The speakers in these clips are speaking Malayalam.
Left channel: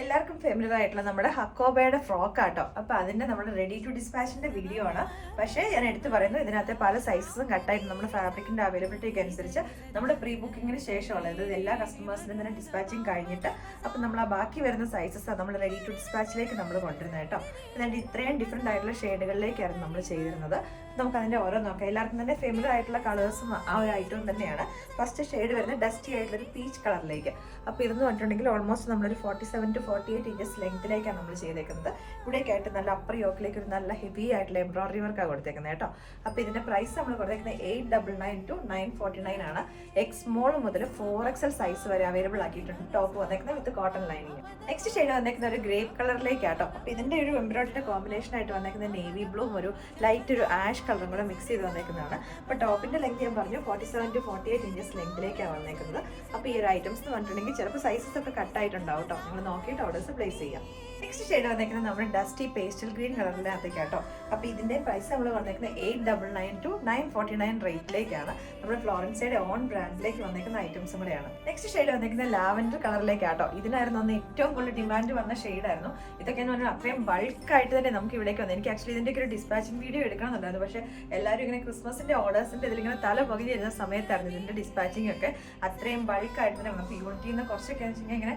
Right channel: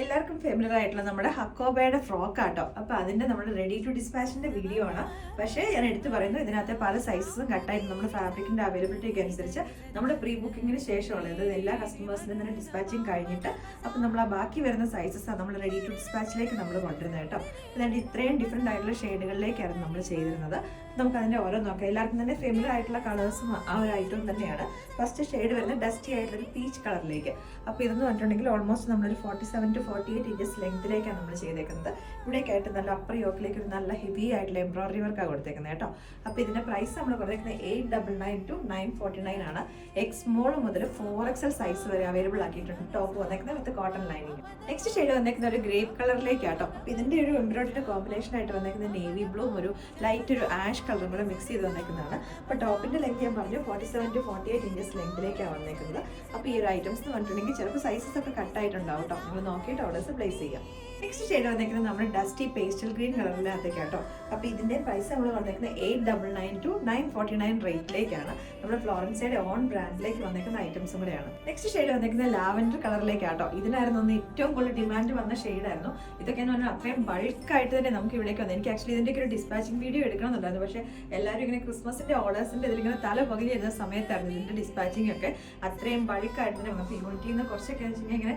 എല്ലാവർക്കും ഫെമിലിയർ ആയിട്ടുള്ള നമ്മുടെ ഹക്കോബയുടെ ഫ്രോക്ക് ആട്ടോ. അപ്പോൾ അതിന്റെ നമ്മുടെ റെഡി ടു ഡിസ്പാച്ചിന്റെ വീഡിയോ ആണ്. പക്ഷേ ഞാൻ എടുത്ത് പറയുന്നു, ഇതിനകത്തെ പല സൈസസും കട്ടായിട്ട് നമ്മുടെ ഫാബ്രിക്കിന്റെ അവൈലബിലിറ്റിക്ക് അനുസരിച്ച് നമ്മുടെ പ്രീ ബുക്കിങ്ങിന് ശേഷമുള്ള അതായത് എല്ലാ കസ്റ്റമേഴ്സിനും തന്നെ ഡിസ്പാച്ചിങ് കഴിഞ്ഞിട്ട് അപ്പോൾ നമ്മൾ ആ ബാക്കി വരുന്ന സൈസസ് നമ്മൾ റെഡി ടു ഡിസ്പാച്ചിലേക്ക് നമ്മൾ കൊണ്ടുവരുന്നത് കേട്ടോ. അതായത് ഇത്രയും ഡിഫറെൻ്റ് ആയിട്ടുള്ള ഷെയ്ഡുകളിലേക്കായിരുന്നു നമ്മൾ ചെയ്തിരുന്നത്. നമുക്ക് അതിൻ്റെ ഓരോ നോക്കാം. എല്ലാവർക്കും തന്നെ ഫെമിലിയർ ആയിട്ടുള്ള കളേഴ്സും ആ ഒരു ഐറ്റവും തന്നെയാണ്. ഫസ്റ്റ് ഷെയ്ഡ് വരുന്നത് ഡസ്റ്റി ആയിട്ടുള്ളൊരു പീച്ച് കളറിലേക്ക്. അപ്പോൾ ഇതെന്ന് പറഞ്ഞിട്ടുണ്ടെങ്കിൽ ഓൾമോസ്റ്റ് നമ്മളൊരു 47 to 48 ഇഞ്ചസ് ലെങ്ത്തിലേക്കാണ് നമ്മൾ ചെയ്തേക്കുന്നത്. ഇവിടേക്കായിട്ട് നല്ല അപ്പർ യോക്കിലേക്ക് ഒരു നല്ല ഹെവി ആയിട്ടുള്ള എംബ്രോയിഡറി വർക്കാണ് കൊടുത്തേക്കുന്നത് കേട്ടോ. അപ്പോൾ ഇതിൻ്റെ പ്രൈസ് നമ്മൾ കൊടുത്തേക്കുന്നത് 899 to 949 ആണ്. എക്സ് സ്മോൾ മുതൽ 4XL സൈസ് വരെ അവൈലബിൾ ആക്കിയിട്ടുണ്ട്. ടോപ്പ് വന്നേക്കുന്നത് വിത്ത് കോട്ടൺ ലൈനിങ്. നെക്സ്റ്റ് ഷെയ്ഡ് വന്നേക്കുന്ന ഒരു ഗ്രേപ്പ് കളറിലേക്കാട്ടോ. അപ്പോൾ ഇതിൻ്റെ ഒരു എംബ്രോയിഡറിയുടെ കോമ്പിനേഷൻ ആയിട്ട് വന്നേക്കുന്നത് നേവി ബ്ലൂവും ഒരു ലൈറ്റ് ഒരു ആഷ് കളറും കൂടെ മിക്സ് ചെയ്ത് വന്നേക്കുന്നതാണ്. അപ്പോൾ ടോപ്പിൻ്റെ ലെങ്ത് ഞാൻ പറഞ്ഞു 47 to 48 ഇഞ്ചസ് ലെങ്ത്തിലേക്കാണ് വന്നേക്കുന്നത്. അപ്പോൾ ഈ ഒരു ഐറ്റംസ് എന്ന് പറഞ്ഞിട്ടുണ്ടെങ്കിൽ ചിലപ്പോൾ സൈസസ് ഒക്കെ കട്ടായിട്ടുണ്ടാവും കേട്ടോ. നമ്മൾ നോക്കിയിട്ട് ഓർഡേഴ്സ് പ്ലേസ് ചെയ്യാം. നെക്സ്റ്റ് ഷെയ്ഡ് വന്നേക്കുന്നത് നമ്മുടെ ഡസ്റ്റി പേസ്റ്റൽ ഗ്രീൻ കളറിനകത്തേക്കാട്ടോ. അപ്പോൾ ഇതിൻ്റെ പ്രൈസ് നമ്മൾ വന്നേക്കുന്നത് 899 to 949 റേറ്റിലേക്കാണ്. നമ്മുടെ ഫ്ലോറൻസയുടെ ഓൺ ബ്രാൻഡിലേക്ക് വന്നേക്കുന്ന ഐറ്റംസും കൂടെയാണ്. നെക്സ്റ്റ് ഷെയ്ഡ് വന്നേക്കുന്നത് ലാവൻഡർ കളറിലേക്കാട്ടോ. ഇതിനായിരുന്നു ഒന്ന് ഏറ്റവും കൂടുതൽ ഡിമാൻഡ് വന്ന ഷെയ്ഡായിരുന്നു. ഇതൊക്കെ എന്ന് പറഞ്ഞാൽ അത്രയും ബൾക്കായിട്ട് തന്നെ നമുക്ക് ഇവിടേക്ക് വന്നു. എനിക്ക് ആക്ച്വലി ഇതിൻ്റെ ഒരു ഡിസ്പാച്ചിങ് വീഡിയോ എടുക്കണമെന്നുണ്ടായിരുന്നു. പക്ഷേ എല്ലാവരും ഇങ്ങനെ ക്രിസ്മസിൻ്റെ ഓർഡേഴ്സിൻ്റെ ഇതിലിങ്ങനെ തല പകുതി വരുന്ന സമയത്തായിരുന്നു ഇതിൻ്റെ ഡിസ്പാച്ചിങ് ഒക്കെ. അത്രയും ബൾക്കായിട്ട് തന്നെ നമുക്ക് യൂണിറ്റിൽ നിന്ന് കുറച്ചൊക്കെ വെച്ചിട്ടുണ്ടെങ്കിൽ ഇങ്ങനെ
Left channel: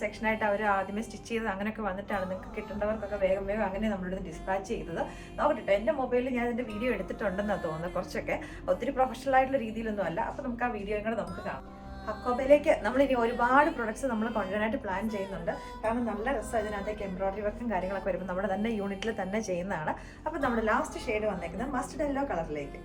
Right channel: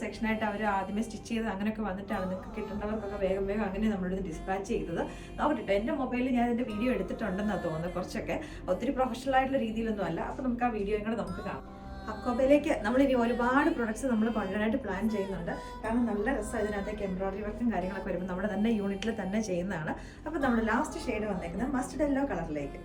സെക്ഷനായിട്ട് അവർ ആദ്യമേ സ്റ്റിച്ച് ചെയ്ത് അങ്ങനെയൊക്കെ വന്നിട്ടാണ് നിങ്ങൾക്ക് കിട്ടേണ്ടവർക്കൊക്കെ വേഗം അങ്ങനെ നമ്മളിത് ഡിസ്പാച്ച് ചെയ്തത്. നോക്കട്ടെ, എൻ്റെ മൊബൈലിൽ ഞാൻ ഇതിൻ്റെ വീഡിയോ എടുത്തിട്ടുണ്ടെന്നാണ് തോന്നുന്നത്. കുറച്ചൊക്കെ ഒത്തിരി പ്രൊഫഷണൽ ആയിട്ടുള്ള രീതിയിലൊന്നും അല്ല. അപ്പോൾ നമുക്ക് ആ വീഡിയോയും കൂടെ നമുക്ക് കാണാം. ഹക്കോബയിലേക്ക് നമ്മളിനി ഒരുപാട് പ്രൊഡക്ട്സ് നമ്മൾ കൊണ്ടുവരാനായിട്ട് പ്ലാൻ ചെയ്യുന്നുണ്ട്. കാരണം നല്ല രസമാണ് ഇതിനകത്തേക്ക് എംബ്രോയിഡറി വർക്കും കാര്യങ്ങളൊക്കെ വരുമ്പോൾ നമ്മുടെ തന്നെ യൂണിറ്റിൽ തന്നെ ചെയ്യുന്നതാണ്. അപ്പോൾ നമ്മുടെ ലാസ്റ്റ് ഷെയ്ഡ് വന്നേക്കുന്നത് മസ്റ്റർഡ് യെല്ലോ കളറിലേക്ക്.